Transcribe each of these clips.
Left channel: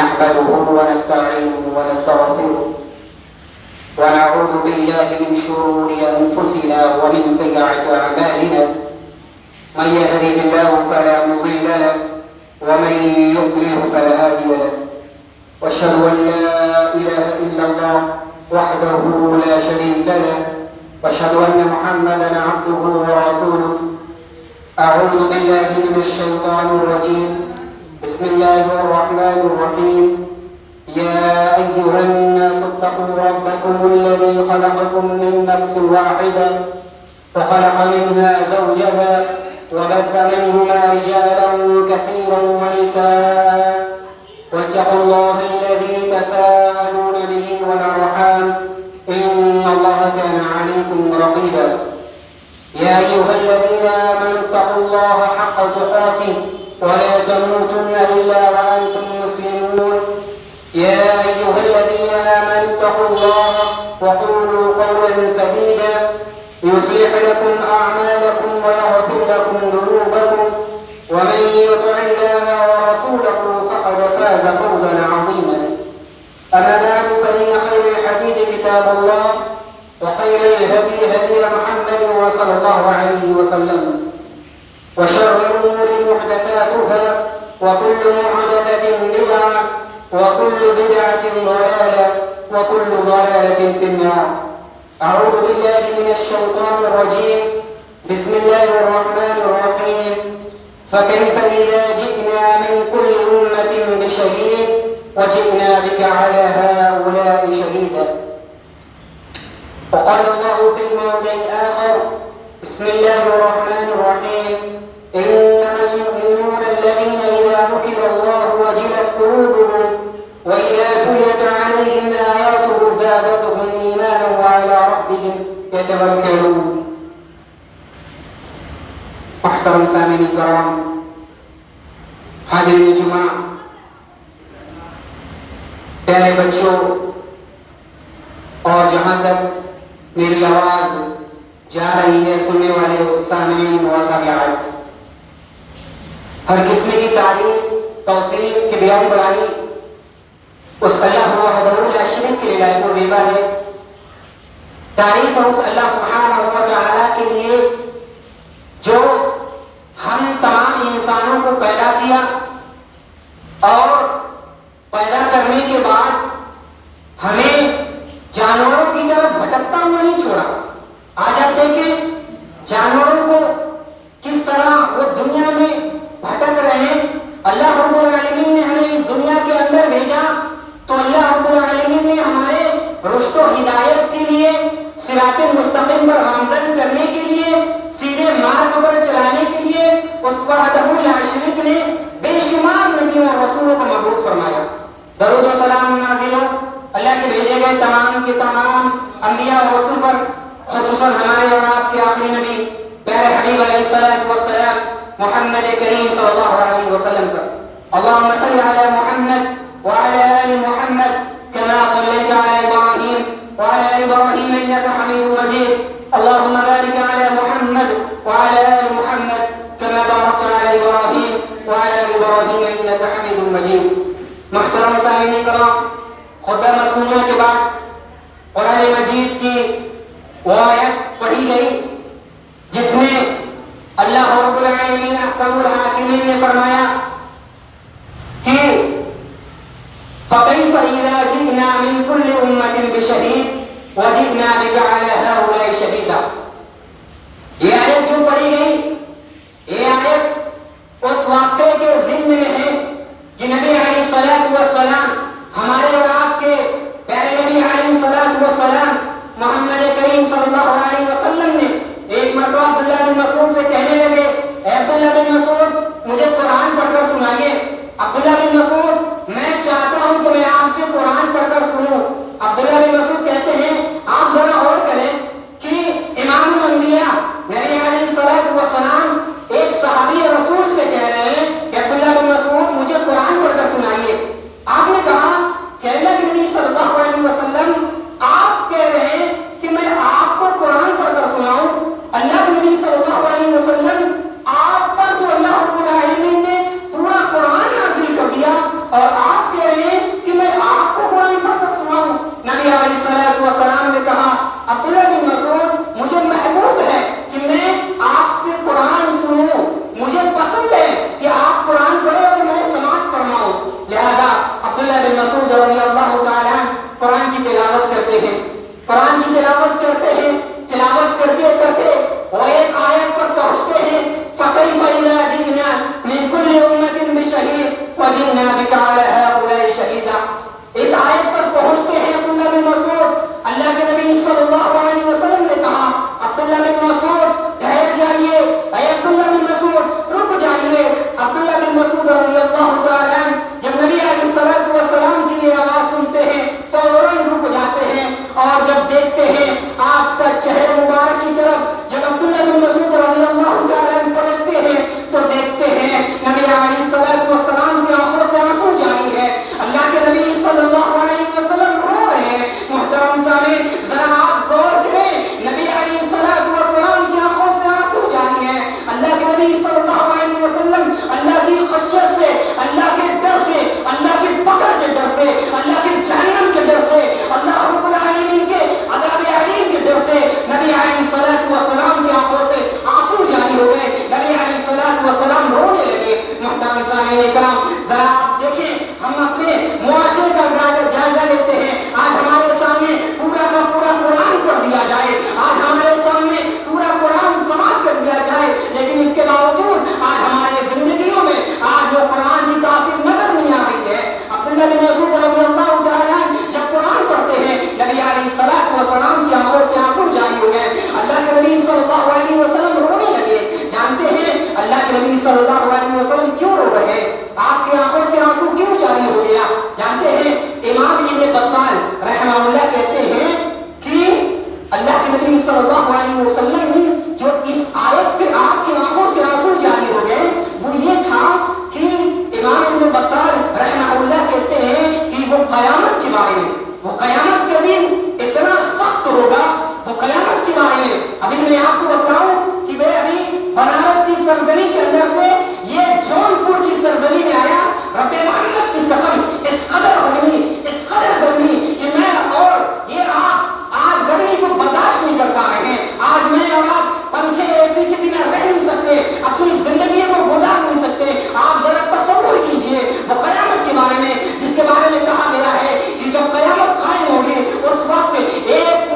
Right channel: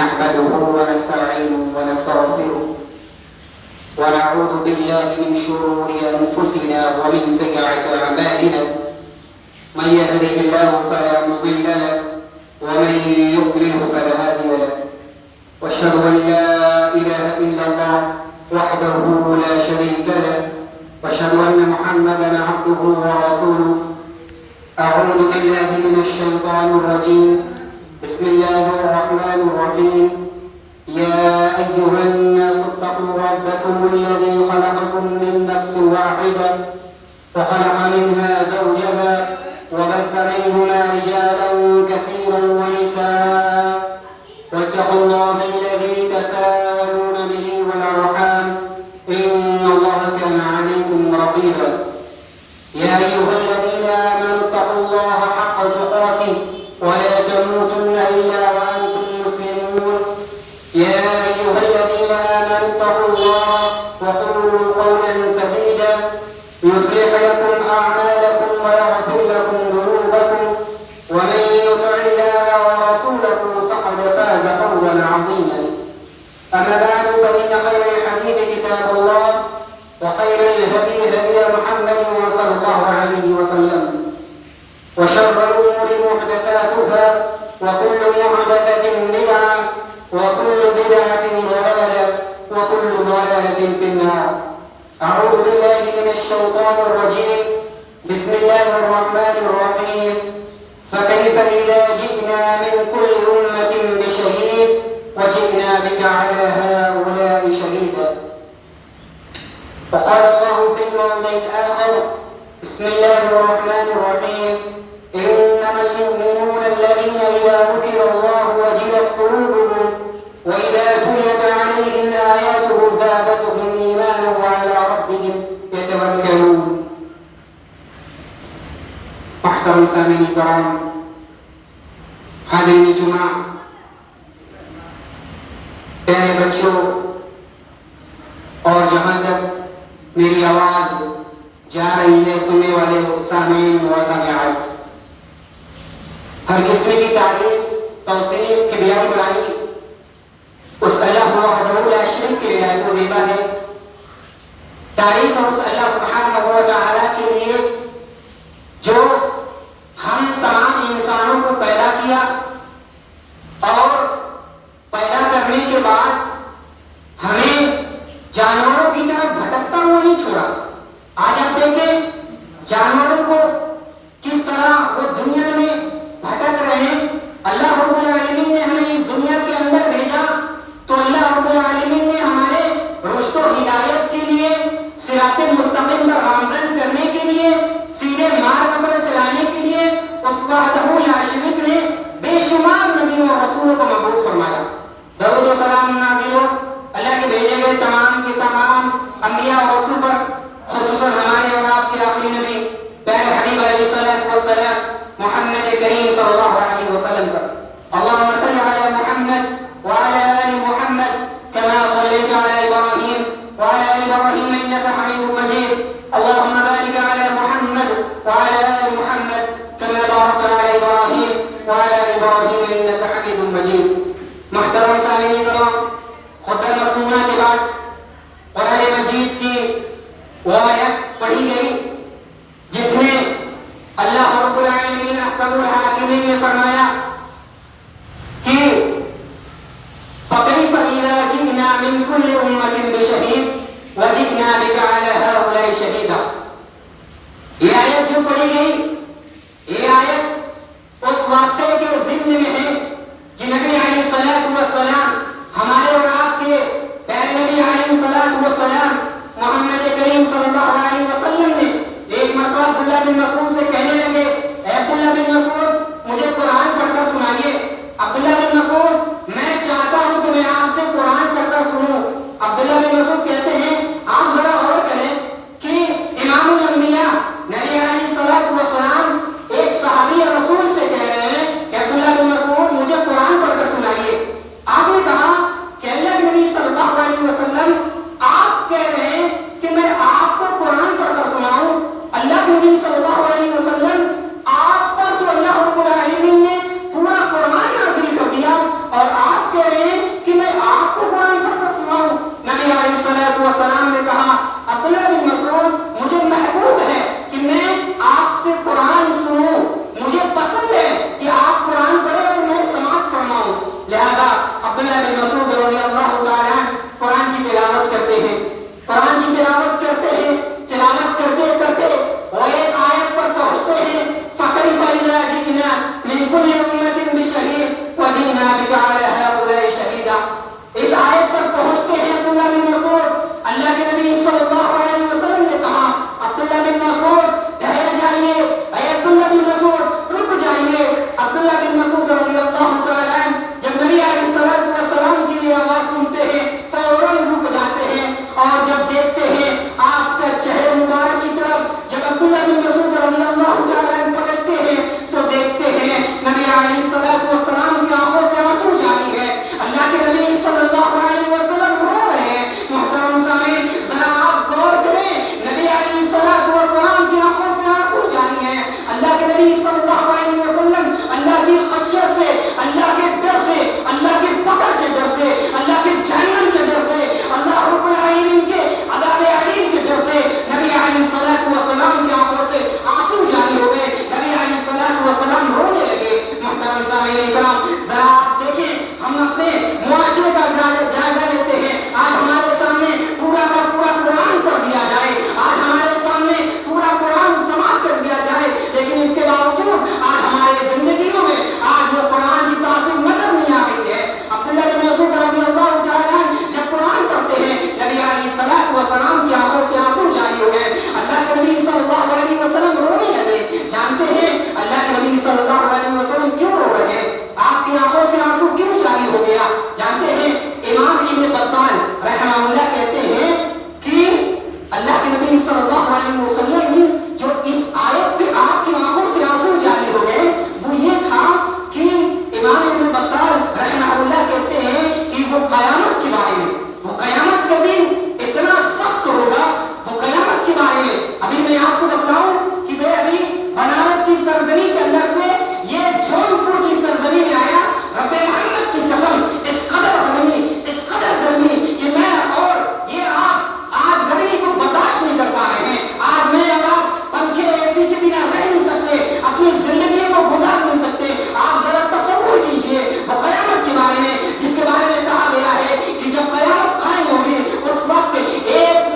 نحمده ونستعينه ونستغفره ونعوذ بالله من شرور أنفسنا ومن سيئات أعمالنا. من يهده الله فلا مضل له ومن يضلل فلا هادي له. واشهد أن لا إله إلا الله وحده لا شريك له واشهد أن محمدا عبده ورسوله. أعوذ بالله من الشيطان الرجيم. بسم الله الرحمن الرحيم. يا أيها الناس اتقوا ربكم الذي خلقكم من نفس واحدة وخلق منها زوجها وبث منهما رجالا كثيرا ونساء واتقوا الله الذي تساءلون به والأرحام إن الله كان عليكم رقيبا. يا أيها الذين آمنوا اتقوا الله حق تقاته ولا تموتن إلا وأنتم مسلمون. يا أيها الذين آمنوا اتقوا الله وقولوا قولا سديدا يصلح لكم أعمالكم ويغفر لكم ذنوبكم ومن يطع الله ورسوله فقد فاز فوزا عظيما. أما بعد فإن خير الحديث كتاب الله وخير الهدي هدي محمد صلى الله عليه وسلم وشر الأمور محدثاتها وكل محدثة بدعة وكل بدعة ضلالة وكل ضلالة في النار. أعوذ بالله من الشيطان الرجيم. بسم الله الرحمن الرحيم. فكيف إذا جئنا من كل أمة بشهيد وجئنا بك على هؤلاء شهيدا. وقال الله في الموضع الآخر. بسم الله الرحمن الرحيم. إنما المؤمنون الذين إذا ذكر الله وجلت قلوبهم وإذا تليت عليهم آياته زادتهم إيمانا وعلى ربهم يتوكلون. محترم سامعین کرام، حاضرین جمعہ، پیارے بچوں، اور جہاں تک میری آواز جا رہی ہے سننے والے سامعین و سامعات، ہر قسم کی تعریف توصیف کی بیان بڑھائی اس اللہ وحدہ لا شریک کے لائق و دیبا ہے. تعریف اس اللہ سبحانہ و تعالی کے لیے جو ہم تمام انسانوں کو پیدا کیا اور پیدا کرنے کے بعد ہمیں جانوروں کی طرف بھٹکتا ہوا نہیں چھوڑا. آج آپ دیکھیں جانوروں کو کس طرح وہ دنیا میں بھٹک رہے ہیں. اللہ رب العالمین نے ہمیں اس دنیا کے اندر بھیجا تو اللہ رب العالمین نے ہمارے رشد و ہدایت کے لیے صراط مستقیم پر گامزن کرنے کے لیے سیدھے مارگ پر چلانے کے لیے اس وحدہ لا شریک نے بے شمار نبیوں اور رسولوں کو مبعوث فرمایا. درود و سلام نازل ہو اللہ کے بھیجے گئے تمام کے تمام انبیاء اور رسول پر، خصوصاً ہمارے اور آپ کے آخری نبی پیارے حبیب علیہ الصلوۃ والسلام محمد کریم صلی اللہ علیہ وسلم پر. اللهم صل على محمد وعلى آل محمد كما صليت على إبراهيم وعلى آل إبراهيم إنك حميد مجيد. اللهم بارك على محمد وعلى آل محمد كما باركت على إبراهيم وعلى آل إبراهيم إنك حميد مجيد. محترم سامعین کرام، خطبہ مسنونہ کے بعد قرآن مجید کی وہ آیت پڑھی گئی جس میں اللہ رب العالمین احکم الحاکمین نے فرمایا کہ فَكَيْفَ إِذَا جِئْنَا مِنْ كُلِّ أُمَّةٍ بِشَهِيدٍ وَجِئْنَا بِكَ عَلَى هَؤُلَاءِ شَهِيدًا. یہ آیت جو پڑھی گئی، یہ آیت اس واقعے کے ضمن میں ہے کہ نبی علیہ الصلوۃ والسلام عبداللہ بن مسعود رضی اللہ تعالیٰ قرآن کی تلاوت کرتے ہیں، قرآن کی تلاوت کرتے ہیں، تلاوت کرتے کرتے وہ ایک آیت پر پہنچتے ہیں، فَكَيْفَ إِذَا جِئْنَا مِنْ كُلِّ أُمَّةٍ بِشَهِيدٍ وَجِئْنَا بِكَ عَلَى هَؤُلَاءِ شَهِيدًا۔ اس آیت پر پہنچتے ہیں عبداللہ بن مسعود، اللہ کے نبی صلی اللہ علیہ وسلم نے کہا عبداللہ بن مسعود ٹھہر جائیے، اے عبداللہ بن مسعود رک جائیے۔ عبداللہ بن مسعود رضی اللہ تعالیٰ جب نبی علیہ الصلوۃ والسلام کی یہ آواز سنتے ہیں فوراً رک جاتے ہیں، اور جب دیکھتے ہیں آپ کا چہرہ مبارک کی طرف جب عبداللہ بن مسعود رضی اللہ تعالیٰ پلٹتے ہیں تو دیکھتے ہیں نبی علیہ الصلوۃ والسلام کی آنکھوں سے آنسو جاری ہے، اللہ کے نبی صلی اللہ علیہ وسلم رو رہے ہیں۔ محترم سامعین ذرا آپ غور کریں، نبی علیہ الصلوۃ والسلام کی آنکھوں سے آنسو جاری ہے، اللہ کے نبی صلی اللہ علیہ وسلم اللہ کی خشیت سے، اللہ کے ڈر سے، اللہ کی پکڑ کے ڈر سے، اللہ کے جہنم کے ڈر سے، اللہ رب العالمین کے عذاب علیم کے ڈر سے نبی علیہ الصلوۃ والسلام کی آنکھوں سے آنسو جاری ہو گئے، نبی علیہ الصلوۃ والسلام رونے لگے۔ محترم سامعین کرام ذرا آپ دیکھیں، ہم اپنے معاشرے کا جائزہ لیتے ہیں، آج ہمارے سامنے پورا کا پورا قرآن پڑھ دیا جائے، آج ہمارے سامنے پورا قرآن سماعت کر دیا جائے، لیکن اس کے باوجود آج ہمارے زندگیوں میں آج وہ قرآن کی تاثیر نظر نہیں آ رہی ہے۔ عبداللہ بن مسعود رضی اللہ تعالیٰ جب قرآن پڑھتے ہیں نبی علیہ الصلوۃ والسلام کی آنکھوں سے آنسو جاری ہو گئے، اللہ کے نبی صلی اللہ علیہ وسلم رونے لگے۔ جانتے ہیں اللہ کے نبی صلی اللہ علیہ وسلم کیوں رو رہے ہیں، آپ کی آنکھوں سے آنسو کیوں جاری ہو گیا؟ جانتے ہیں امام ابن بطال رحمہ اللہ کہتے ہیں کہ اللہ کے نبی صلی اللہ علیہ وسلم جو اس آیت پہ آپ کی آنکھوں سے آنسو جاری ہو گئے وہ یہ تھا کہ امام ابن بطال رحمہ اللہ کہتے ہیں کہ وہ قیامت کے بارے میں، وہ قیامت کا دن اتنا سخت ہوگا، وہ قیامت کے بارے میں ابھی میں آپ کو بتاؤں کہ میں ابھی بنارس کی سرزمین کے اندر سے یہ جونپور کی سرزمین میں آیا، رب محمد کی قسم اس قدر گرمی کہ میں اور یہ آپ آج گرمی کو برداشت نہیں کر پا رہے ہیں، آج میں اور آپ پنکھے اے سی کے بنا رہ نہیں سکتے، اپنی زندگی کو گزار نہیں سکتے۔ آپ ذرا تصور کیجئے وہ قیامت کے بارے میں جس کے بارے میں کہا گیا ہے کہ جب قیامت قائم ہوگی اس وقت ایک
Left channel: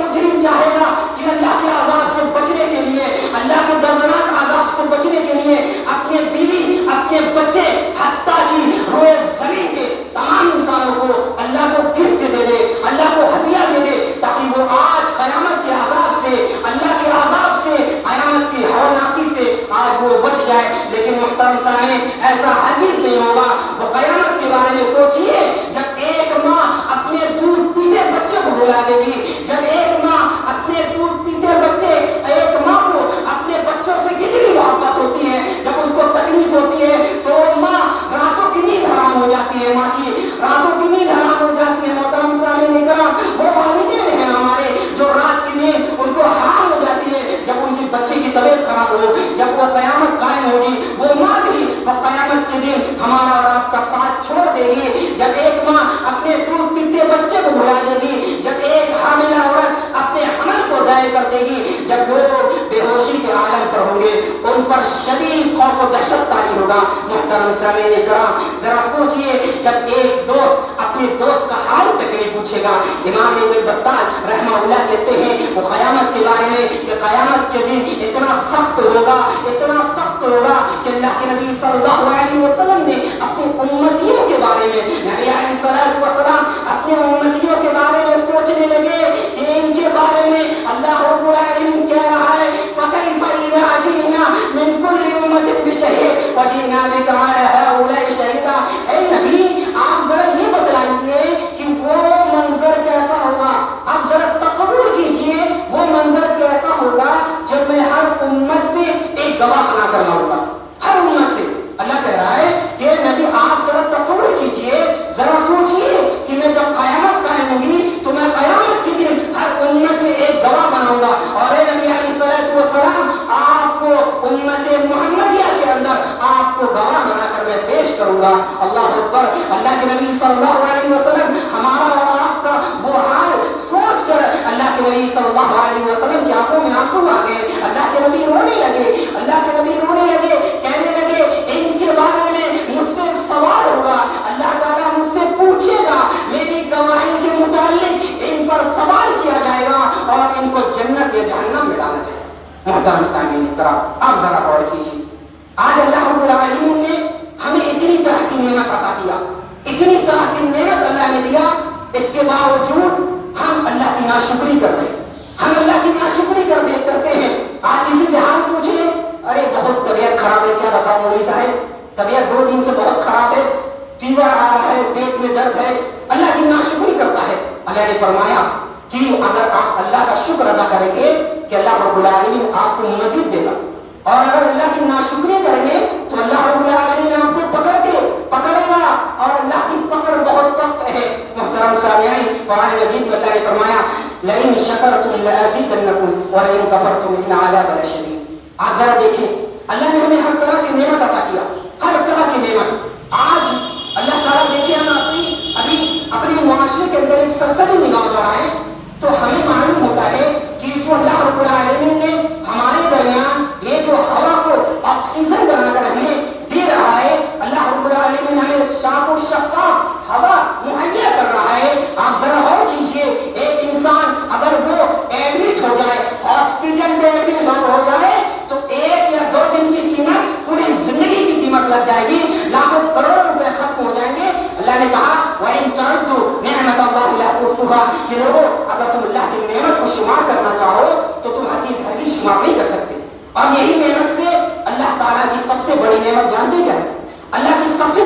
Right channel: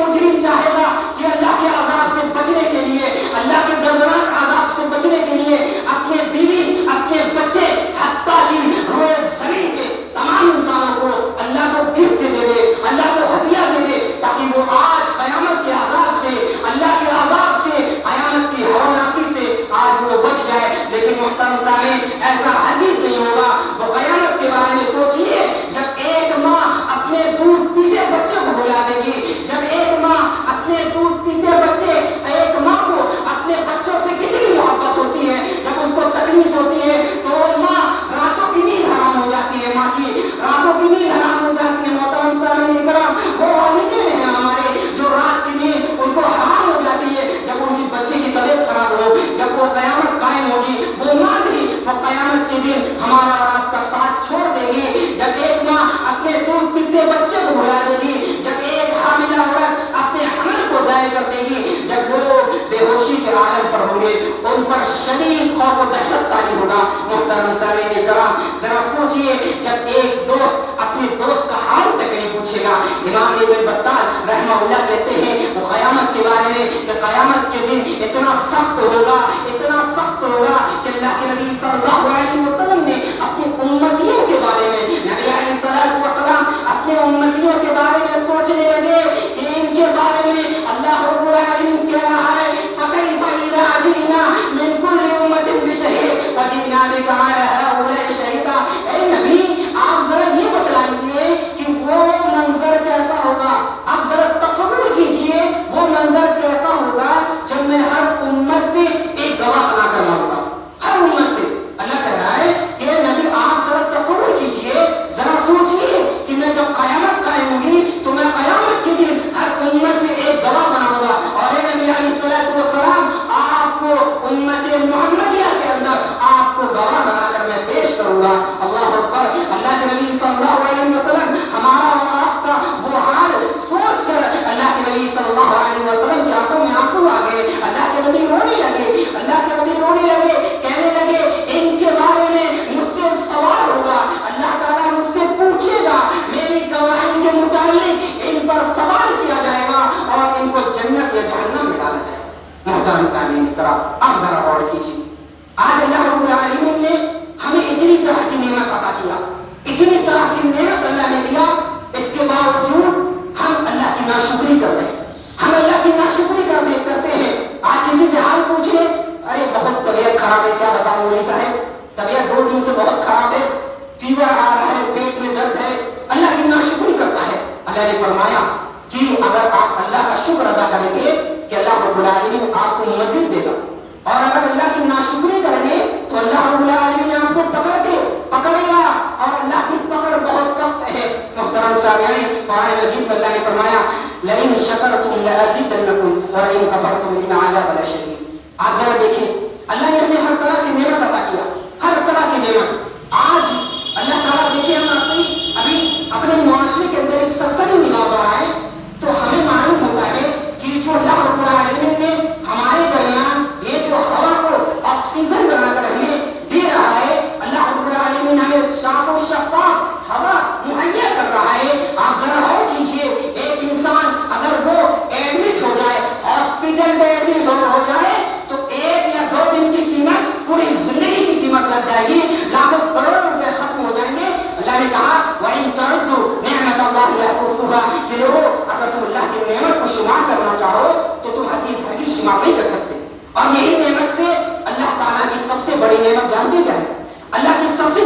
مجرم چاہے گا کہ اللہ کے عذاب سے بچنے کے لیے، اللہ کے دردناک عذاب سے بچنے کے لیے اپنے بیوی، اپنے بچے، حتیٰ کہ روئے زمین کے تمام انسانوں کو اللہ کو گفٹ دے دے، اللہ کو ہدیہ دے دے تاکہ وہ آج قیامت کے عذاب سے، اللہ کے عذاب سے، قیامت کی ہولناکی سے آج وہ بچ جائے۔ لیکن محترم سامعین ایسا ہرگز نہیں ہوگا۔ وہ قیامت کے بارے میں سوچیے جب ایک ماں اپنے دودھ پیتے بچے کو بلا دے گی، جب ایک ماں اپنے دودھ پیتے بچے، ایک ماں کو اپنے بچوں سے کتنی محبت ہوتی ہے، جب اس کو تکلیف ہوتی ہے تو ماں راتوں کی نیند حرام ہو جاتی ہے، ماں کی راتوں کی نیند حرام ہو جاتی ہے۔ محترم سامعین کرام وہ والدین ہیں ہمارے جو رات کی نیند ان کو حرام ہو جاتی ہے جب ان کی بچے کی طبیعت خراب ہو، جب وہ قیامت قائم ہوگی وہ ماں بھی وہ قیامت کے دن ہمارا اور آپ کا ساتھ چھوڑ دے گی۔ جب ایک ماں اپنے دودھ پیتے بچے کو بھلا دے گی، جب ایک حاملہ عورت اپنے حمل کو ضائع کر دے گی، جب وہ بے ہوشی کے عالم پر ہوں گے ان پر شدید خوف و دہشت طاری ہوگا۔ محترم سامعین کرام ذرا سوچئے جب ایک دوست اپنے دوست کا حال تک نہیں پوچھے گا۔ امام ابن بطال رحمہ اللہ کہتے ہیں وہ قیامت کے بارے میں کہ قیامت کے دن اتنا سخت ہوگا، اتنا سخت ہوگا کہ اللہ کے نبی صلی اللہ علیہ وسلم نے اپنی امتیوں کے بارے میں، نبی علیہ الصلوۃ والسلام اپنی امتیوں کے بارے میں سوچنے لگے کہ ان کے بارے میں اللہ رب العالمین کہہ رہا ہے فَكَيْفَ إِذَا جِئْنَا مِنْ كُلِّ أُمَّةٍ بِشَهِيدٍ وَجِئْنَا بِكَ عَلَى هَؤُلَاءِ شَهِيدًا۔ اے نبی آپ ذرا یہ بتلائیے کہ وہ منظر کیسا ہوگا، آپ ذرا تصور کیجئے وہ منظر کیسا ہوگا جب میں ہر امت سے ایک گواہ بنا کر لاؤں گا، ہر امت سے۔ اللہ کہہ رہا ہے کہ نبی آپ ذرا تصور کیجئے، ذرا سوچئے کہ میں جب قیامت قائم ہوگی تو میں قیامت کے دن ہر امت سے ایک گواہ بناؤں گا، اور اے نبی علیہ الصلوۃ والسلام آپ کو امت محمدیہ کے اندر آپ کو گواہ بنا کر میں پیش کروں گا۔ اللہ اکبر۔ اللہ کے نبی صلی اللہ علیہ وسلم ہمارا اور آپ کا وہ حال سوچ کر اللہ کے نبی صلی اللہ علیہ وسلم کی آنکھوں میں آنسو آ گئے، اللہ کے نبی رونے لگے، اللہ کے نبی رونے لگے، کہنے لگے ان کے بارے میں مجھ سے سوال ہوگا، اللہ تعالیٰ محترم سامعین کرام آپ ذرا غور کیجیے، آج اللہ رب العالمین نے ہمیں اتنی طرح کی نعمت عطا کیا، اتنی طرح کی نعمت اللہ نے دیا، اس کے باوجود ہم اللہ کی ناشکری کرتے ہیں، ہم اللہ کی ناشکری کرتے ہیں۔ آج کسی سے حال پوچھ لیں، ارے بہت طبیعت خراب ہے، کیا بتاؤں مولوی صاحب طبیعت 2 دن سے بہت خراب ہے، فیور آ رہا ہے، پیٹ میں درد ہے، اللہ کی ناشکری کرتا ہے۔ اللہ نے فرمایا کہ اگر آپ اللہ کا شکر ادا کریں گے کہ اللہ رب العالمین آپ کو مزید دے گا، اور اگر اللہ کی ناشکری کریں گے تو اللہ رب العالمین آپ کو پکڑے گا، اور اللہ کی پکڑ بہت سخت ہے۔ محترم سامعین، قرآن مجید میں اللہ نے فرمایا لئن شکرتم لأزیدنکم ولئن کفرتم ان عذاب لشدید۔ آپ ذرا دیکھیں، اللہ نے ہمیں ہر طرح کی نعمت عطا کیا، ہر طرح کی نعمت۔ آج اللہ تعالیٰ دیکھیں، ہم ابھی اپنے معاشرے کے اندر ایک سرسری نگاہ بڑھائیں تو ہمیں معلوم ہوتا ہے کہ جو اللہ رب العالمین نے ہمارے درمیان یہ جو ہوا کو آکسیجن بنا کر ہمیں دے رہا ہے، اللہ رب العالمین ہمیں صاف و شفاف ہوا مہیا کر رہا ہے۔ آپ ذرا غور کیجیے، ایک انسان اگر وہ ایڈمٹ ہو جائے، ہاسپٹل میں ایڈمٹ ہو جائے تو 1 یا 2 دن کی قیمت پوری زندگی کی قیمت لگ جائے گی، لاکھوں کروڑ روپے ختم ہو جائیں گے۔ اللہ نے کہا وَإِن تَعُدُّوا نِعْمَتَ اللَّهِ لَا تُحْصُوهَا، کہ لوگوں اگر تم اللہ کی نعمت کو شمار کرنا چاہو تو تم حدیث ہرگز شمار نہیں کر سکتے۔ اور یہی نعمت سے اللہ تعالیٰ کی سب سے بڑی نعمت جانتے کیا ہے؟ اللہ کی سب سے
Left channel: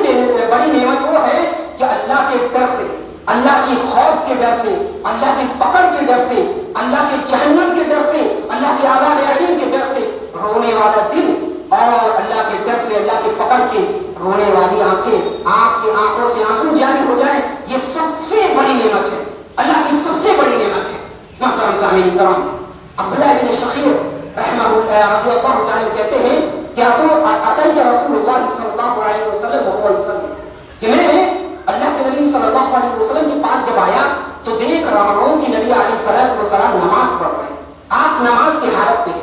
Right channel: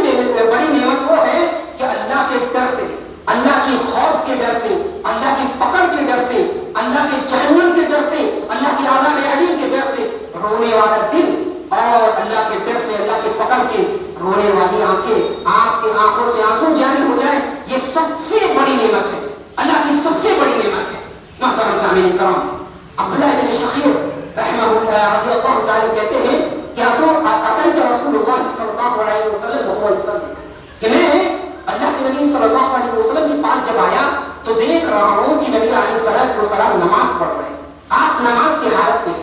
بڑی نعمت وہ ہے کہ اللہ کے ڈر سے، اللہ کی خوف کے ڈر سے، اللہ کی پکڑ کے ڈر سے، اللہ کے جہنم کے ڈر سے، اللہ کی عذاب علیم کے ڈر سے رونے والا دل، اور اللہ کے ڈر سے، اللہ کی پکڑ کے رونے والی آنکھیں، آپ کی آنکھوں سے آنسو جاری ہو جائیں، یہ سب سے بڑی نعمت ہے، اللہ کی سب سے بڑی نعمت ہے۔ محترم سامعین کرام، عبداللہ بن شخیر رحمہ اللہ رضی اللہ تعالیٰ کہتے ہیں کہ اتیت رسول اللہ صلی اللہ علیہ وسلم، کہ میں اللہ کے نبی صلی اللہ علیہ وسلم کے پاس جب آیا تو دیکھ رہا ہوں کہ نبی علیہ السلام نماز پڑھ رہے ہیں، آپ نماز کی حالت میں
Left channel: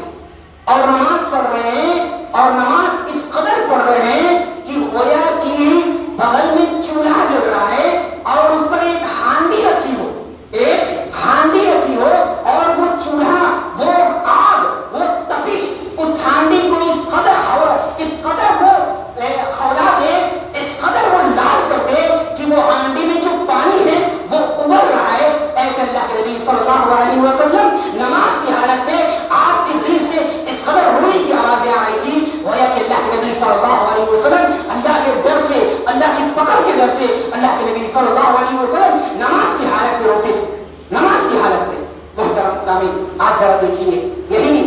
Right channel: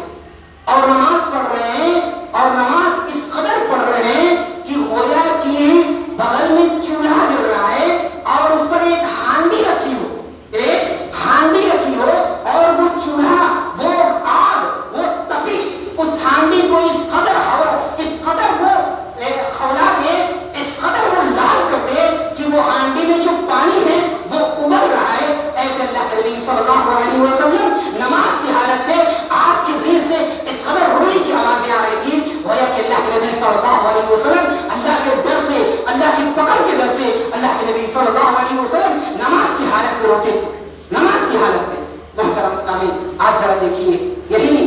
اور نماز پڑھ رہے ہیں، اور نماز اس قدر پڑھ رہے ہیں کہ گویا کہ بغل میں چولہا جل رہا ہے اور اس پر ایک ہانڈی رکھی ہو، اور وہ چولہا، وہ آگ، وہ تپش اس ہانڈی کو اس قدر وہ کھولا دے، اس قدر وہ لال کر دے کہ وہ ہانڈی میں جو پانی ہے وہ ابل رہا ہے۔ ایسے اللہ کے نبی صلی اللہ علیہ وسلم نماز کی حالت میں آپ کے دل سے اس قدر رونے کی آوازیں آ رہی تھی، گویا کہ اللہ کے نبی صلی اللہ علیہ وسلم اللہ کے ڈر سے، اللہ کی پکڑ کے ڈر سے، اللہ کے نبی صلی اللہ علیہ وسلم نماز کی حالت میں روتے تھے، نماز کی حالت میں۔ محترم سامعین، آج ذرا دیکھیے، یہی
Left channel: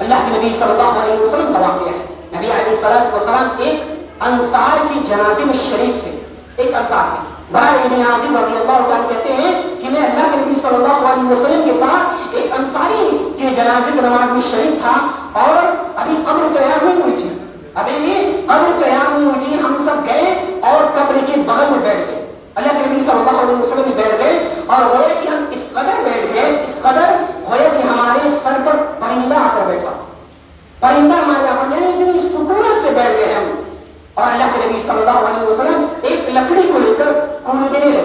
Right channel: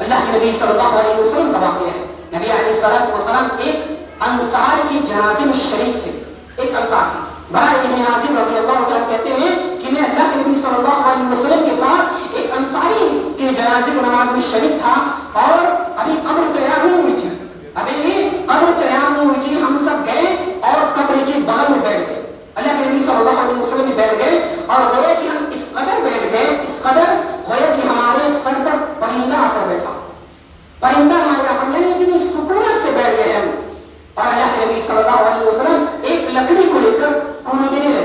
اللہ کے نبی صلی اللہ علیہ وسلم کا واقعہ ہے۔ نبی علیہ السلام ایک انصار کی جنازے میں شریک تھے، ایک انصار تھے، بھائی ابن عاصم رضی اللہ عنہ کہتے ہیں کہ میں اللہ کے نبی صلی اللہ علیہ وسلم کے ساتھ ایک انصاری کے جنازے کی نماز میں شریک تھا، اور ابھی قبر تیار نہیں ہوئی تھی، ہم سب گئے اور قبر کے بغل میں بیٹھ گئے، اللہ کے نبی صلی اللہ علیہ وسلم بیٹھ گئے، اور گویا کہ ہم اس قدر بیٹھ گئے، اس قدر گویا کہ ہمارے سر پر پرندہ آ کر بیٹھا، پرندہ یعنی اتنی سکونت سے بیٹھ گئے ہم، اور اللہ کے نبی صلی اللہ علیہ وسلم ایک لکڑی کو لے کر کوڑنے لگے،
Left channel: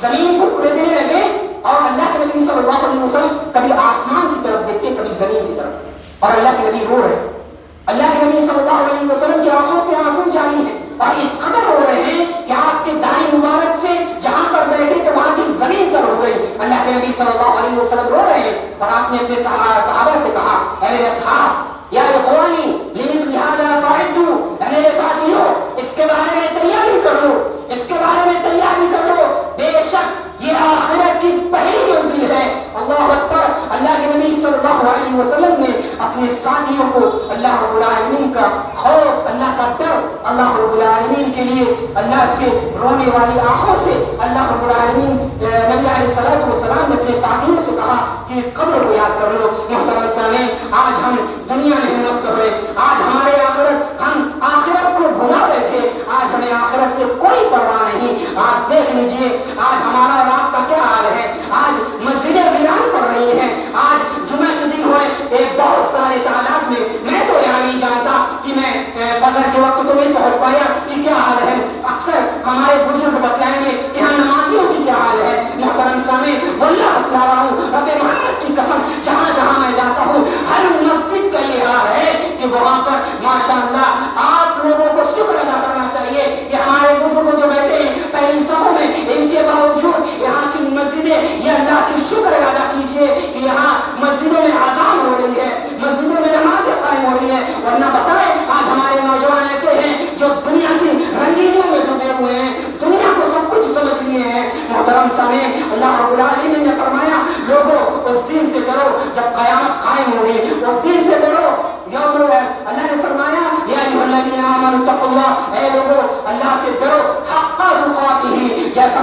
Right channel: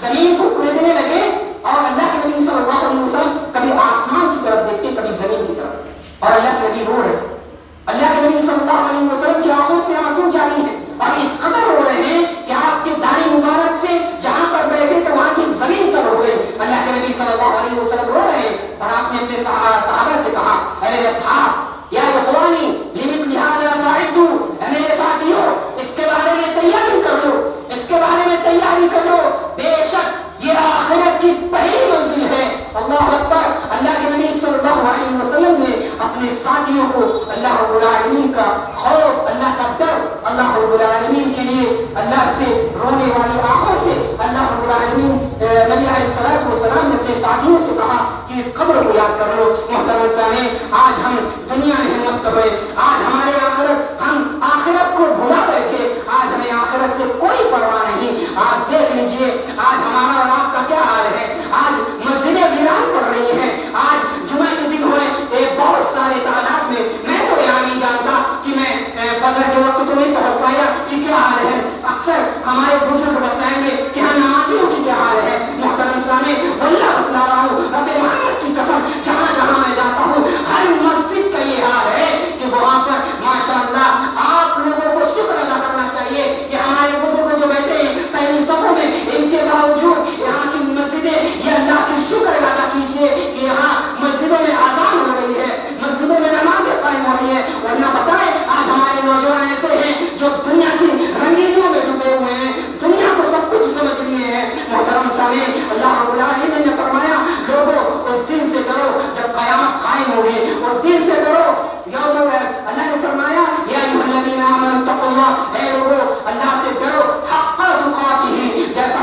زمین کو کوڑنے لگے، اور اللہ کے نبی صلی اللہ علیہ وسلم کبھی آسمان کی طرف دیکھتے، کبھی زمین کی طرف، اور اللہ کے نبی رو رہے، اللہ کے نبی صلی اللہ علیہ وسلم کی آنکھوں سے آنسو جاری ہیں، اور اس قدر رو رہے ہیں کہ آپ کے داڑھی مبارک سے جہاں پر بیٹھے تو وہاں کی زمین پر ہو گئی۔ اللہ کے نبی صلی اللہ علیہ وسلم رو رہے ہیں، اور آپ نے اپنے صحابہ سے کہا، اے میرے اصحاب، یا اخوانی لمثل هذا فاعدوا، اے میرے ساتھیوں، اس کے بارے میں تیاری کر لو، اس کے بارے میں تیاری کر لو، بے شک یہ آخرت کی پہلی منزل ہے۔ اللہ اکبر۔ اللہ کے نبی صلی اللہ علیہ وسلم نے اپنے ساتھیوں کو اللہ رب العالمین کا خوف، اللہ کا ڈر، اللہ رب العالمین کے لیے اللہ سے رونے والی آنکھوں سے اللہ رب العالمین نبی علیہ السلام نے اپنے ساتھیوں سے کہا کہ اس قبر کو یاد کر لو۔ محترم سامعین، آج ہم دنیا میں مست ہوئے، آج ہمارے آخرت، ہم آخرت کو بھلا بیٹھے، آج ہمیں آخرت سے کوئی پرواہ نہیں۔ آج دیکھ لیجیے آج ہمارا رات کا کیا حال ہے، آج مسجدیں ویران پڑ رہی ہیں، آج جمعہ کے دن ہوئے ایک بہت سارے تعداد میں تو یہاں نہیں جانتا کہ میں فجر کے وقت تو نہیں پہنچ پایا کہ کیا حال ہے، اکثر ہمارے بزرگ بتائیں گے کہ ہم نمازیوں کی کیا حال ہے۔ محترم سامعین، واللہ بتلا رہا ہوں رب محمد کی قسم، جہاں جہاں میں جاتا ہوں ہر مسجد کا یہ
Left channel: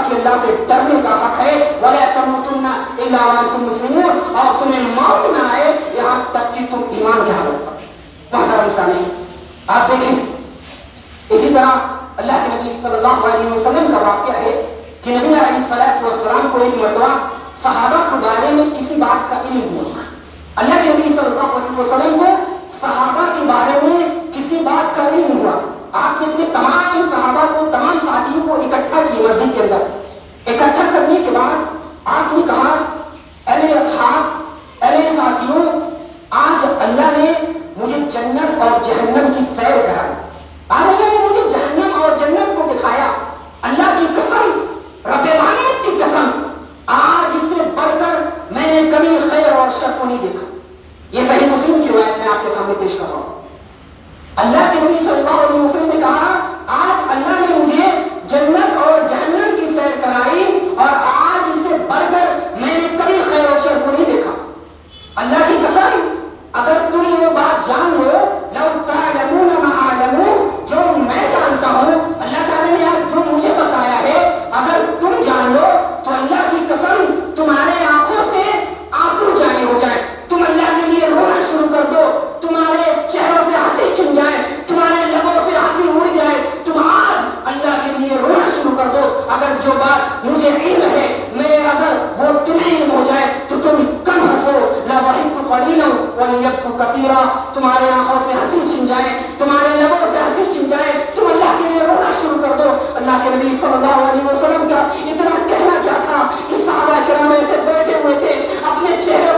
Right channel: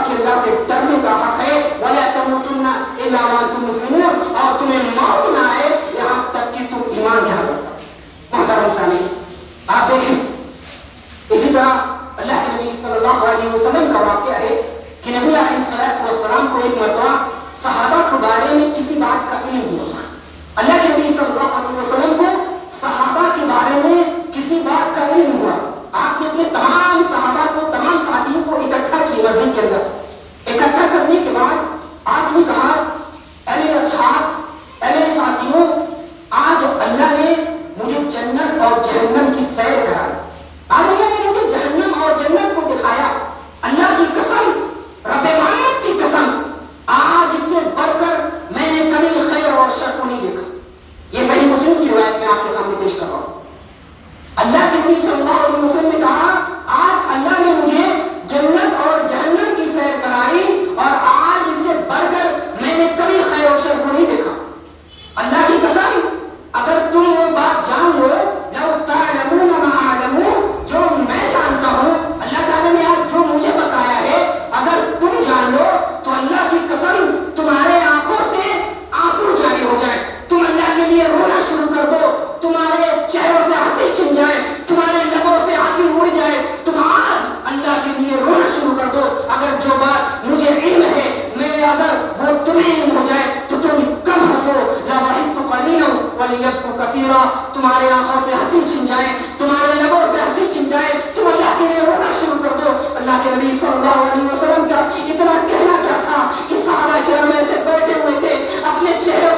کہ اللہ سے ڈرنے کا حق ہے. وَلَا تَمُوتُنَّ إِلَّا وَأَنْتُم مُّسْلِمُونَ, اور تمہیں موت نہ آئے یہاں تک کہ تم ایمان کے حالت پر. محترم سامعین, آپ دیکھیں اسی طرح اللہ کے نبی صلی اللہ علیہ وسلم کا واقعہ ہے کہ نبی علیہ السلام کو ایک مرتبہ صحابہ کے بارے میں کسی بات کا علم ہوا. اللہ کے نبی صلی اللہ علیہ وسلم کو صحابہ کے بارے میں کسی بات کا علم ہوا. آپ نے اپنے تمام صحابہ کو, تمام ساتھیوں کو اکٹھا کی مسجد کے اندر. اکٹھا کرنے کے بعد آپ نے کہا, اے اصحاب, اے ساتھیوں, آج اللہ نے مجھے جنت اور جہنم کی سیر کرائی. آج اللہ نے مجھے جہنم اور جنت کو دکھایا. اللہ کی قسم, رب العالمین کی قسم, آج اس سے بڑھ کر میں نے کبھی خیر اور شر کو نہیں دیکھا. یہ صحیح مسلم کی روایت میں آپ کے سامنے پیش کر رہا ہوں. اللہ کے نبی صلی اللہ علیہ وسلم نے کہا, آج اللہ نے مجھے جنت اور جہنم کی سیر کرائی اور آج اس سے بڑھ کر میں نے کبھی خیر اور شر کو نہیں دیکھا. اللہ کی قسم, اگر تم وہ بات جان لو, لو تعلمون ما اعلم, جو میں جانتا ہوں, اللہ تعالیٰ نے آج جو مجھے بتایا ہے, اگر تم جان لو تو اللہ کی قسم تمہارے آنکھوں سے آنسو جاری ہو جائے, تم اللہ کے لیے رونا شروع کر دو, تمہارے چہروں سے ہنسی چھن جائے, تمہارے لبوں سے ہنسی اڑ جائے, تم آج اللہ کے لیے رونا شروع کر دو. اگر جو بات مجھے علم ہے, میں اگر وہ تمہیں علم ہو جائے تو تم کم ہنسو. لَضَحِكْتُ قَلِيلًا وَلِيَبْكُوا كَثِيرًا, تمہارے آنکھوں سے ہنسی چھن جائے, تمہارے لبوں سے ہنسی چھن جائے, تم اللہ کے لیے رونا شروع کر دو. اللہ کے نبی صلی اللہ علیہ وسلم کا اتنا کہنا کیا تھا کہ صحابہ کرام ایسے بیٹھے ہوئے تھے, اپنے چہرے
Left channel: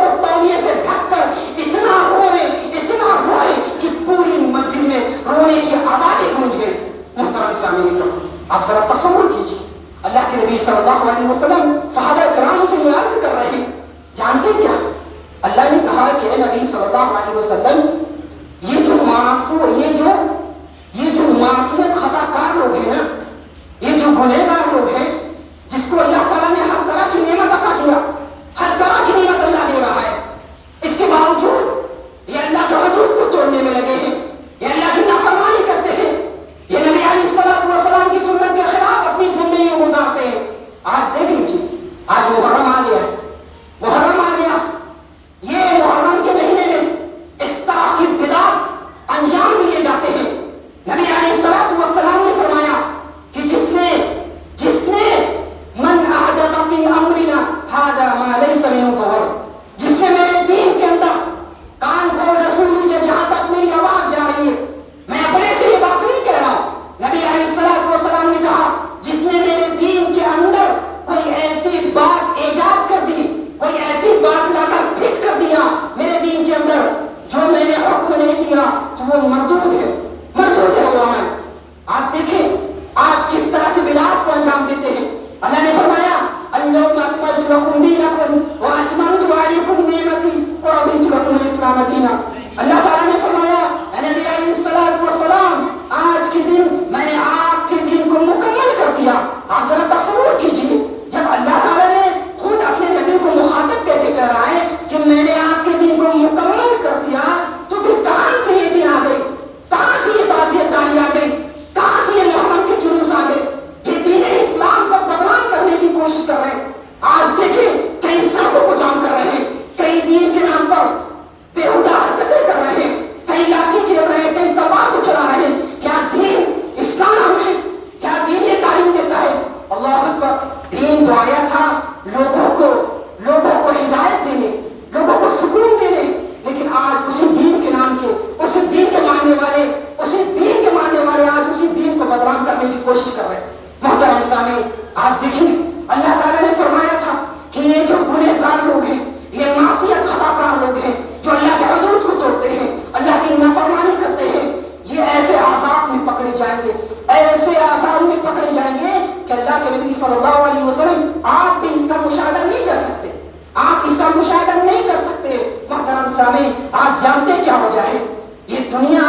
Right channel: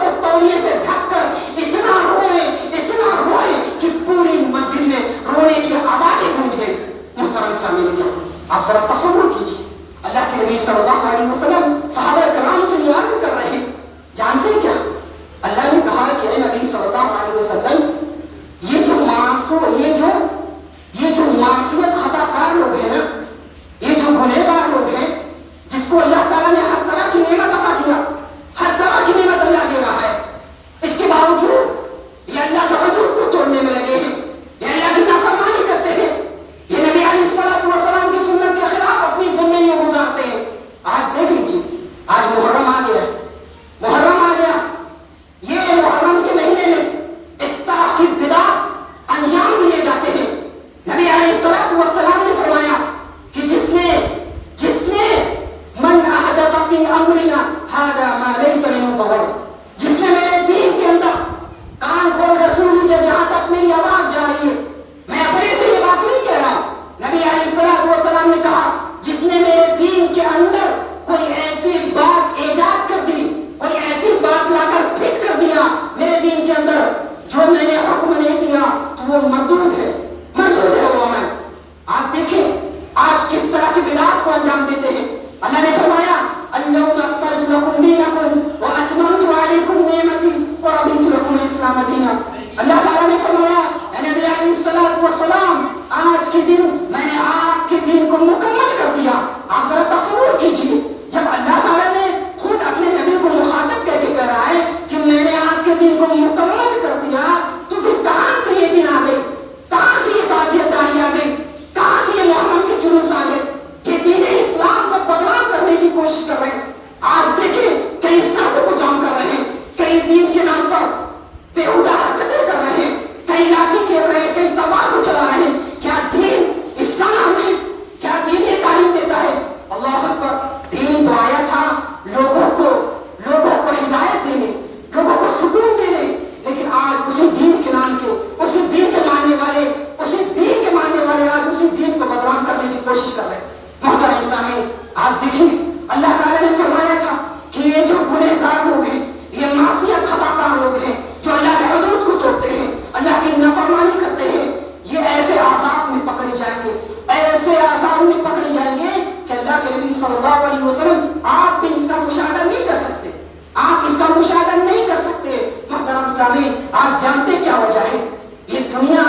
کو تولیے سے ڈھک کر اتنا روئے کہ پوری مسجد میں رونے کی آوازیں گونج گئی. محترم سامعین, آپ ذرا تصور کیجیے, اللہ کے نبی صلی اللہ علیہ وسلم صحابہ کرام سے نیاز کر رہے ہیں. جانتے کیا, اللہ نے کہا کہ اے نبی صلی اللہ علیہ وسلم, یہ جو معصیت خطا کار لوگ ہیں نا, یہ جو گنہگار لوگ ہیں, جس کو اللہ تعالیٰ نے ہر طرح کی نعمت عطا کیا, ہر طرح کی نعمت اللہ دے رہا ہے, اس کے باوجود یہ اللہ کے حدود کو توڑنے میں لگے ہیں, یہ اللہ کی نافرمانی کرتے ہیں, یہ نبی علیہ السلام کی سنت کے خلاف اپنی زندگی گزارتے ہیں. آج دیکھ لیجیے, آج محرم آ گیا ہے, یہ محرم کے مہینے میں اس طرح کی بدعات انجام دیے جاتے ہیں. نبی علیہ السلام نے فرمایا کہ جس نے من احدث فی امرنا ھذا ما لیس منہ فہو, جس نے میرے دین کے اندر کان کھول کر سن لیجیے, جہاں تک میری آواز جا رہی ہے, میں اپنے سے یہ بات نہیں کہہ رہا. نبی علیہ السلام نے کہا, جس نے میرے دین کے اندر کوئی ایسی بات ایجاد کر دی, کوئی ایسی بات لا کر فٹ کر دیا میرے دین کے اندر جو میں نے حکم نہیں دیا, تو وہ مردود ہے وہ عمل. آپ دیکھیں آج کس طرح کی بدعات کو انجام دیتے ہیں. اللہ نے فرمایا, اليوم اکملت لکم دینکم واتممت علیکم نعمتی ورضیت لکم الاسلام دینا. اللہ تعالیٰ نے فرمایا, اے نبی علیہ السلام, آج کے دن میں نے آپ کے دین کو مکمل کر دیا. آپ ذرا تصور کیجیے, جب اللہ تعالیٰ نے خود اپنے نبی کو مخاطب کر کے کہہ رہا ہے کہ میں نے آپ کے دین کو مکمل کر دیا, تو پھر کہاں سے یہ دن آ گئے, کہاں سے یہ تعزیت داری آ گئی, کہاں سے یہ محرم کے جلوس آ گئے. یہ دین اسلام کو بدنام کرنے کی کوشش کر رہے ہیں. آج دیکھیں کئی سڑکوں کو جام کر رہے ہیں, کئی دین کے نام پر بےہودہ حرکتیں کر رہے ہیں, کئی لاٹھی کھیل رہے ہیں, کئی تلوار کو چلا رہے ہیں. کیا دین اسلام ہے, کیا دین یہ تعلیم دیتا ہے؟ اللہ اکبر. دین جو آیا تھا لوگوں کو ہدایت دینے, لوگوں کو سکون دینے, لیکن آج اسی دین کے نام کے, اسی دین کے ماننے والے آج اسی دین کو بدنام کرنے کی کوشش کر رہے ہیں. محترم سامعین, آج دیکھیں اللہ تعالیٰ نے فرمایا تھا کہ یہ جو گنہگار لوگ ہیں, یہ معصیت خطا کار لوگ ہیں, جو اللہ کے حدود کو توڑتے ہیں, اللہ کی نافرمانی کرتے ہیں, یہ ایسے عذاب میں پکڑے جائیں گے, ایسے عذاب میں پکڑے جائیں گے کہ اللہ کے نبی صلی اللہ علیہ وسلم آپ بھی اس کا مشاہدہ نہیں کر سکتے, آپ اس کا مشاہدہ نہیں کر سکتے. محترم سامعین, آپ جانتے کیا وجہ ہے؟ یہ دنیا,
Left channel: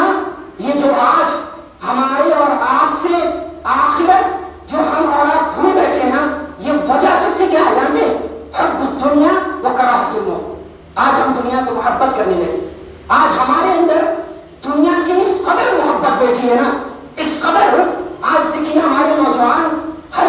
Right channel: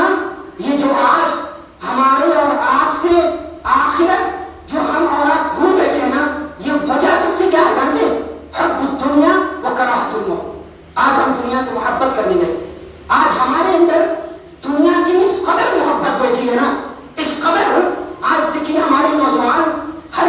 یہ جو آج ہمارے اور آپ سے آخرت جو ہم اور آپ بھول بیٹھے ہیں نا, یہ وجہ سب سے کیا ہے جانتے؟ حب الدنیا و کراہت الموت. آج ہم دنیا سے محبت کرنے لگے, آج ہمارے اندر دنیا کی اس قدر محبت بیٹھی ہے نا, اس قدر. آج دیکھیے ہمارے نوجوان ہر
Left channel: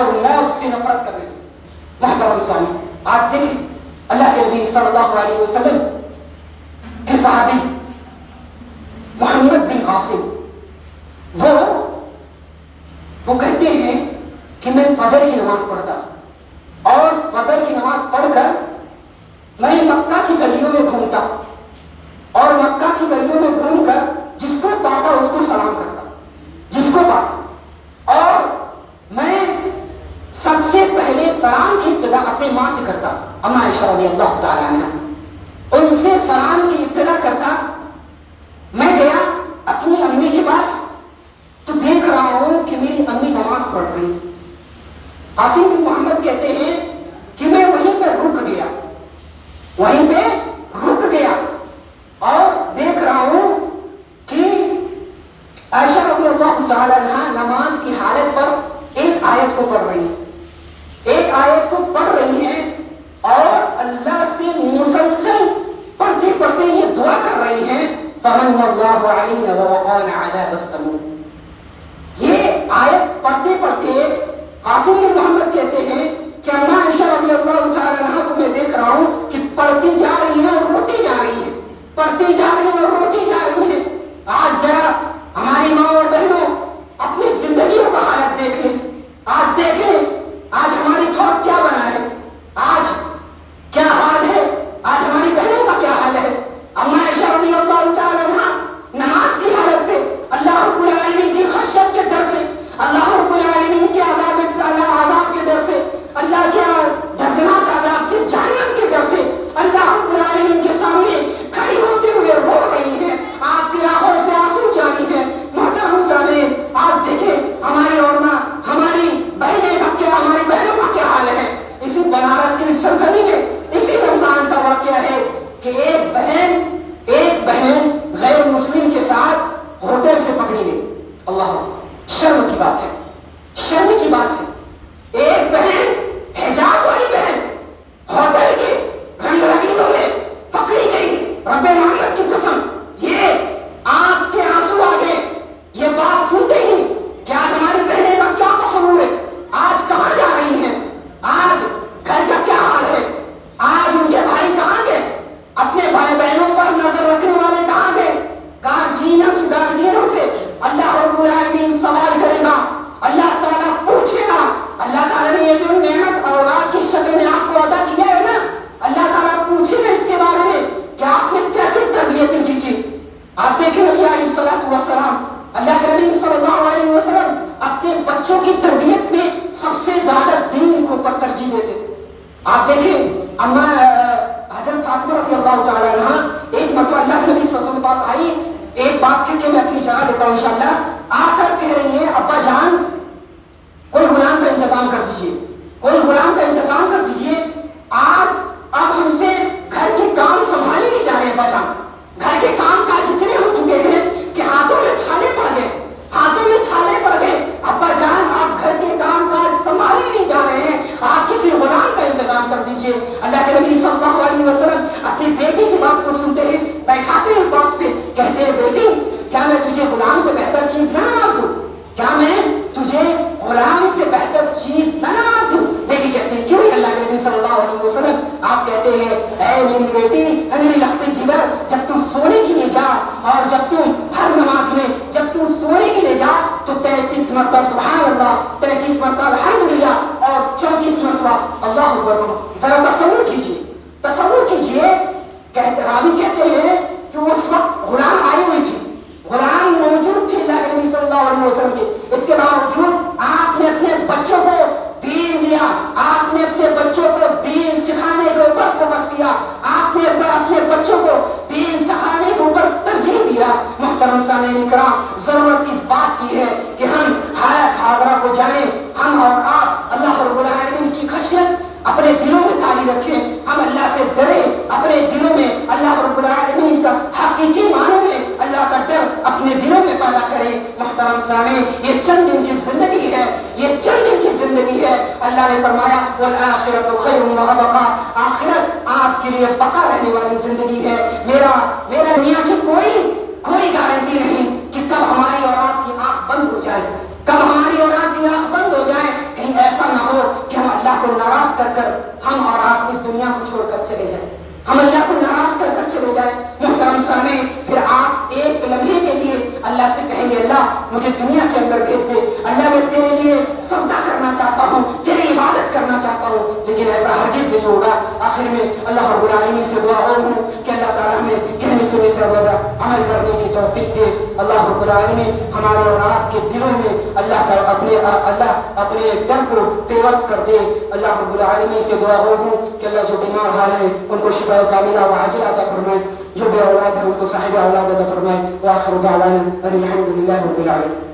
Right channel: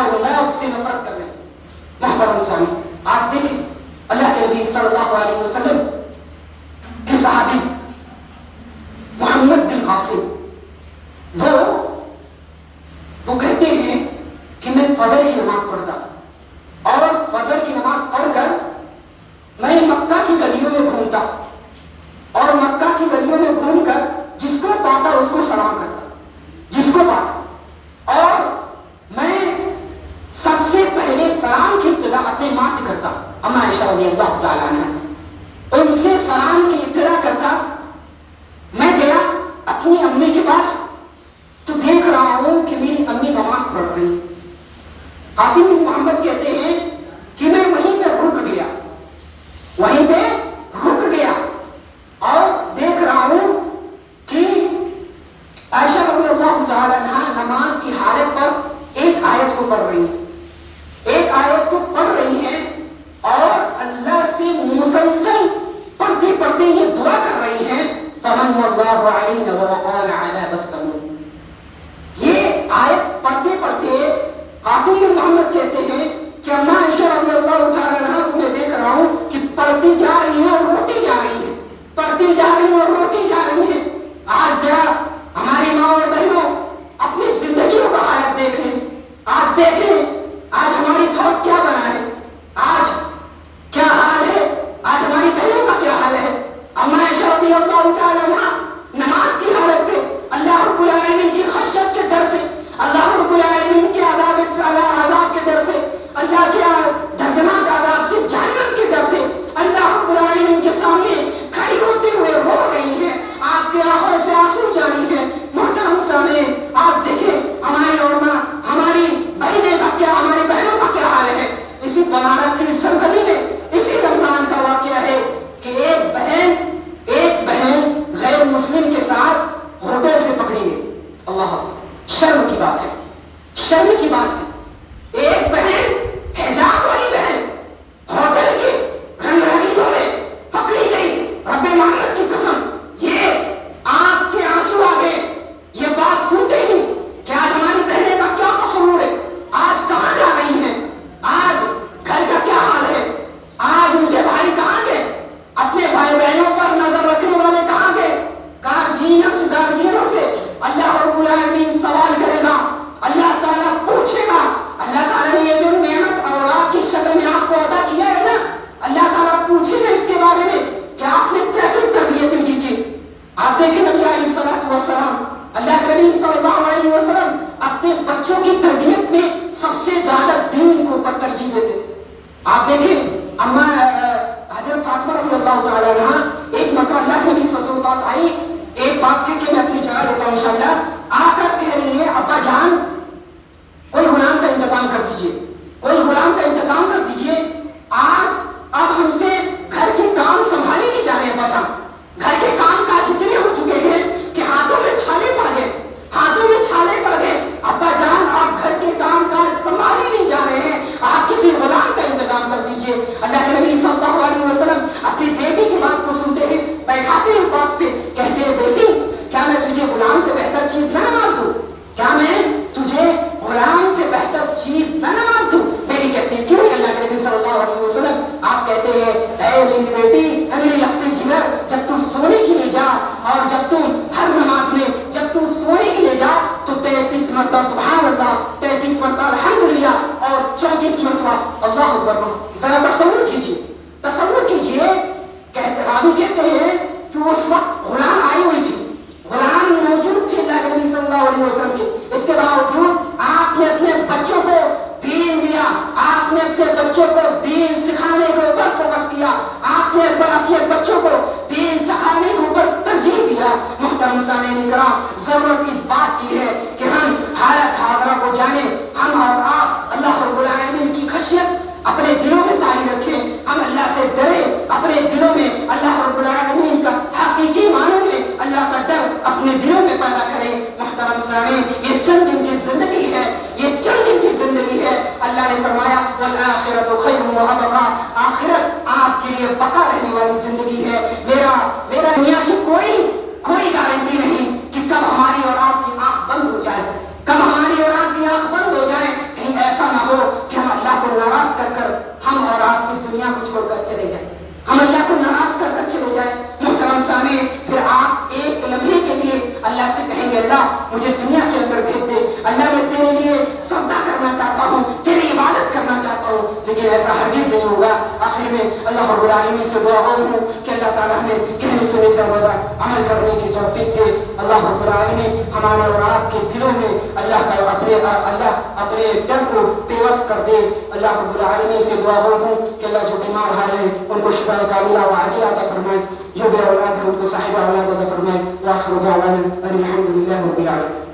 اور موت سے نفرت کر رہے ہیں. محترم سامعین، آج دیکھیں اللہ کے نبی صلی اللہ علیہ وسلم کے صحابی محمد بن قاسم وہ کہتے ہیں کہ میں فجر کی نماز پڑھتا اور فجر کی نماز پڑھ کر میں مکہ کی گلیوں میں گھومتا اور مکہ کی گلیوں میں گھوم کر جس کو پاتا اس کو سلام کرتا، جس کو پاتا. اور میں سب سے پہلے سلام کی ابتدا اپنی ماں سے کرتا، اما عائشہ رضی اللہ تعالیٰ عنہا سے ان سے سلام کی ابتدا کرتا. میں گیا اپنی امی کے پاس تو دیکھ رہا ہوں کہ میری امی نماز پڑھ رہی. عاصم بن محمد کہتے ہیں کہ میں وہیں پہ رک گیا اور دیکھ رہا ہوں کہ عائشہ رضی اللہ تعالیٰ عنہا نماز کی حالت پر ایک آیت کو پڑھ رہی ہیں اور اللہ سے مسلسل پڑھتے پڑھتے یہ دعا کر رہی ہیں فمن اللہ علیہ وقال عذاب السموم. یہ آیت پڑھتے پڑھتے عاصم بن محمد کہتے ہیں کہ اما عائشہ رضی اللہ تعالیٰ عنہا کو میں دیکھ رہا ہوں کہ پڑھتی جا رہی ہیں اور روتی جا رہی ہیں، پڑھتی جا رہی ہیں اور روتی جا رہی ہیں. آج ذرا ہماری ماں اور بہنوں اپنی زندگیوں کا حالت دیکھ لیں. آج دیکھیں آج ہماری تھوٹ کیا بنا ہے، آج کیا حال ہے، آج ہماری بہنوں کا کیا حال ہے. اما عائشہ رضی اللہ تعالیٰ عنہا نماز کی حالت میں اللہ رب العالمین کی خشیت کے ڈر سے، اللہ رب العالمین کے عذاب کے ڈر سے، اللہ کے دردناک عذاب سے، جہنم کے ڈر سے اللہ رب العالمین کے سامنے کھڑی ہوتے ہوئے رو رہی ہے. آپ کی آنکھوں سے آنسو جاری ہے. محترم سامعین، آپ دیکھیں ہماری اور ماں، ہماری بہنیں کا کیا، ہماری بہنوں کا کیا حال ہے. اسی بنارس کی سرزمین میں اسی رمضان کا واقعہ ہے کہ ایک بہن غیر مسلم کے ساتھ ہوٹل سے پکڑی گئی. اللہ، شرم کی بات ہے، شرم کی بات ہے. ایک بہن، حجاب والی بہن، ہوٹل کے رنگ رنگینوں میں پکڑی گئی. رب محمد کی قسم، یہ آنکھ کے آنسو آ گئے یہ بات سنتے ہی کہ آج ہماری بہنیں کا کیا قصور ہے، آج کہاں جا رہی ہیں، آج گھر کا کیا حال ہے، آج ان کے بھائی کہاں گئے، اپنے بھائی بہنوں پر نظر رکھنے والے کہاں گئے. گارجینوں سے اللہ رب العالمین سوال کرے گا، اللہ تعالیٰ پوچھے گا. اللہ تعالیٰ نے یہ جو نعمت اولاد کی شکل میں آپ کو عطا کیا ہے نا، اللہ تعالیٰ پوچھے گا اس کے بارے میں کہ آپ نے کیسے تربیت ان کی. آپ دیکھیں نبی علیہ الصلوۃ والسلام، اللہ کے نبی صلی اللہ علیہ وسلم اپنے بچوں کی تربیت میں سب سے زیادہ دین کو اوپر ترجیح دیتے تھے. آپ دیکھیں اما حضرت فاطمہ رضی اللہ تعالیٰ عنہا ایک مرتبہ اللہ کے نبی صلی اللہ علیہ وسلم کے پاس آئی. ایک بات پھر کہ میں اپنی جگہ دیتا ہوں انشاءاللہ. آ کر کہہ رہی ہیں ابا جان کوئی غلام کا انتظام کر دیجئے، کوئی غلام کا انتظام کر دیجئے. آج اب ہم سے گھر کے کام سنبھالے نہیں جا رہے. ابا جان گھر کے کام کاج اتنے ہو چکے ہیں کہ ہاتھوں میں چھالے پڑ گئے، ہاتھوں میں چھالے پڑ گئے. ابا جان آپ گھر کے کام کاج سنبھالے نہیں جا رہے ہیں، آپ کسی غلام کا انتظام کر دیجئے. اللہ کے نبی صلی اللہ علیہ وسلم اپنی بیٹی کی بات کو سنتے ہیں، بیٹھاتے ہیں پاس پہ، کہتے ہیں بیٹی کیا میں تجھے غلام سے بہتر چیز نہ نواز دوں، کیا میں تجھے غلام سے بہتر چیز نہ نواز دوں. بیٹی کہتی ہے کیوں نہیں اللہ کے نبی صلی اللہ علیہ وسلم. آپ کہتے ہیں اے میری بیٹی، اے میری لختی جگر، جب تم سونے کے لیے جا اور جب تم ہر نماز میں جب تم سونے کے لیے جا تو 33 مرتبہ سبحان اللہ، 33 مرتبہ الحمدللہ اور 34 مرتبہ اللہ اکبر. ذرا تصور کیجیے، تصور کیجیے. راوی کہتے ہیں کہ اس وقت غلام آئی ہوئی تھی، غلام موجود تھے اللہ کے نبی صلی اللہ علیہ وسلم کے. اس کے باوجود آپ نے اپنے بچوں کو دین دیا، آپ نے اپنے بچوں کو دین سکھانے کے اوپر فوکس کیا، آپ نے اپنے بچوں کو دین سکھانے کے اوپر ترجیح دیا. محترم سامعین کرام، ضرورت اس بات کی ہے کہ ہم حالت حاضرہ کو جانیں. ہم اور آپ اللہ رب العالمین کی خشیت اپنے دلوں میں تاری رکھیں، ہم اللہ سے ڈریں، اپنے دلوں میں اللہ رب العالمین کا حقیقی معنوں میں اللہ کا ڈر اپنے دلوں میں پیدا کریں. محترم سامعین، یہ چند دن کی زندگی ہے، یہ چند دن کی زندگی ہے. اللہ نے فرمایا والآخرۃ خیر وابقیٰ، آخرت آپ کے لیے بقا رہنے والی زندگی ہے. میرا دنیا کی کوئی گارنٹی نہیں کہ کب ہماری اور آپ کی آنکھ بند ہو جائے، کب ہماری اور آپ کی آنکھ بند ہو جائے. کہیں ایسا نہ کر کر ہم اور آپ اس دنیا کو چھوڑ کر چلے جائیں، ہم اللہ کو ناراض کر کر چلے جائیں، محترم سامعین، پھر آپ ایک لمحے کے لیے اللہ سے کہیں گے اللہ مجھے دنیا کے اندر بھیج دے، اللہ میں تیرے لیے سجدہ کرنا چاہتا ہوں، تیری عبادت کرنا چاہتا ہوں، لیکن ایسا ہرگز نہیں ہوگا۔ آخر میں اللہ رب العالمین سے دعا ہوں کہ اللہ تعالیٰ ہمیں کہنے سننے سے زیادہ عمل کرنے کی توفیق دے۔ اللہ رب العالمین ہمارے اور آپ کے دلوں میں اللہ کا اپنے ڈر کو پیوست کر دے۔ اللہ رب العالمین سے دعا ہوں کہ اللہ جو بیمار حال ہے ان کو شفا کاملہ و عاجلہ عطا فرمائے، جو بے اولاد ہے ان کو صاحب اولاد عطا فرمائے۔ وآخر دعوانا ان الحمد للہ رب العالمین۔